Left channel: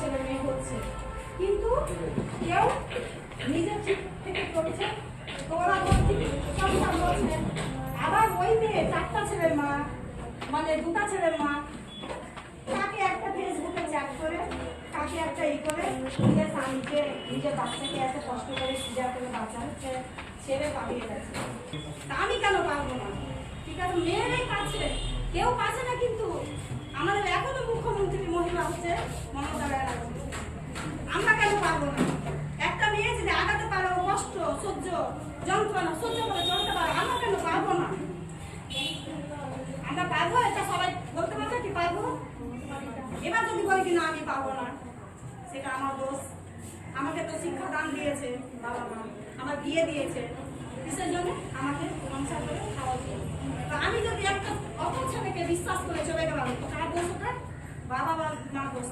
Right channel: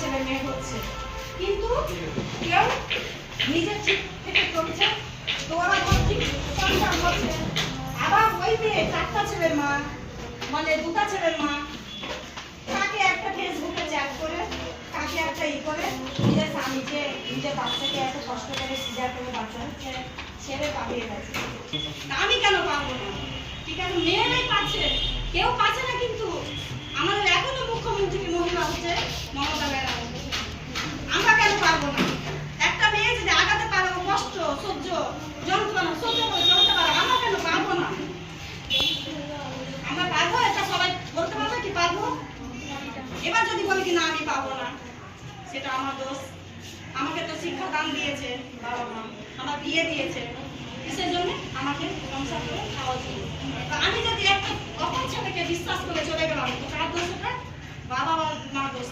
ছেলে মেয়ে হচ্ছে, কিন্তু কেউ নিজের ঠিক থেকে চলছে, তো ওরা ঠিক সংসার করছে। আবার ওই মেয়ে 4টা ছেলের মা, মানে 2টা ছেলের মা, তাকে একটা ফেসবুকে চ্যাট করে, তাকে একটা করে নিজের স্বামীকে, নিজের বাচ্চাকে এত কষ্ট করে সিজার করে বাচ্চা হচ্ছে, ছেড়ে পালিয়ে গেছে। আমি কেন পারবো না? ঠিক আছে, মেয়েরাই পাচ্ছে, কেউ পাচ্ছে না। কিন্তু আমাদের এখনো মুখ্যমন্ত্রী মহিলা হচ্ছে মমতা ব্যানার্জি। আমরা কেন পারবো না? একটা মেয়ে যদি আগাতে পারে, কষ্ট সহ্য যন্ত্রণা সহ্য করে চলতে পারে, আমরা কেন পারবো না? আমরা পারবো? এটা সবাই বলতে পারবে কি পারবো? এবার যদি বলি কি না আমি পারবো না, সেটা আমার দোষ। আমাকে তো শিক্ষা দান দিয়েছে বাবা মা, আমার বিয়ে দিয়েছে, কিসের জন্য? আমাকে সংসার করে খাওয়ার জন্য। আমি যদি একটা অপর ছেলেকে বিশ্বাস করে চলে গেলাম, তো কার দোষ ওটা? বাবা মা দোষ।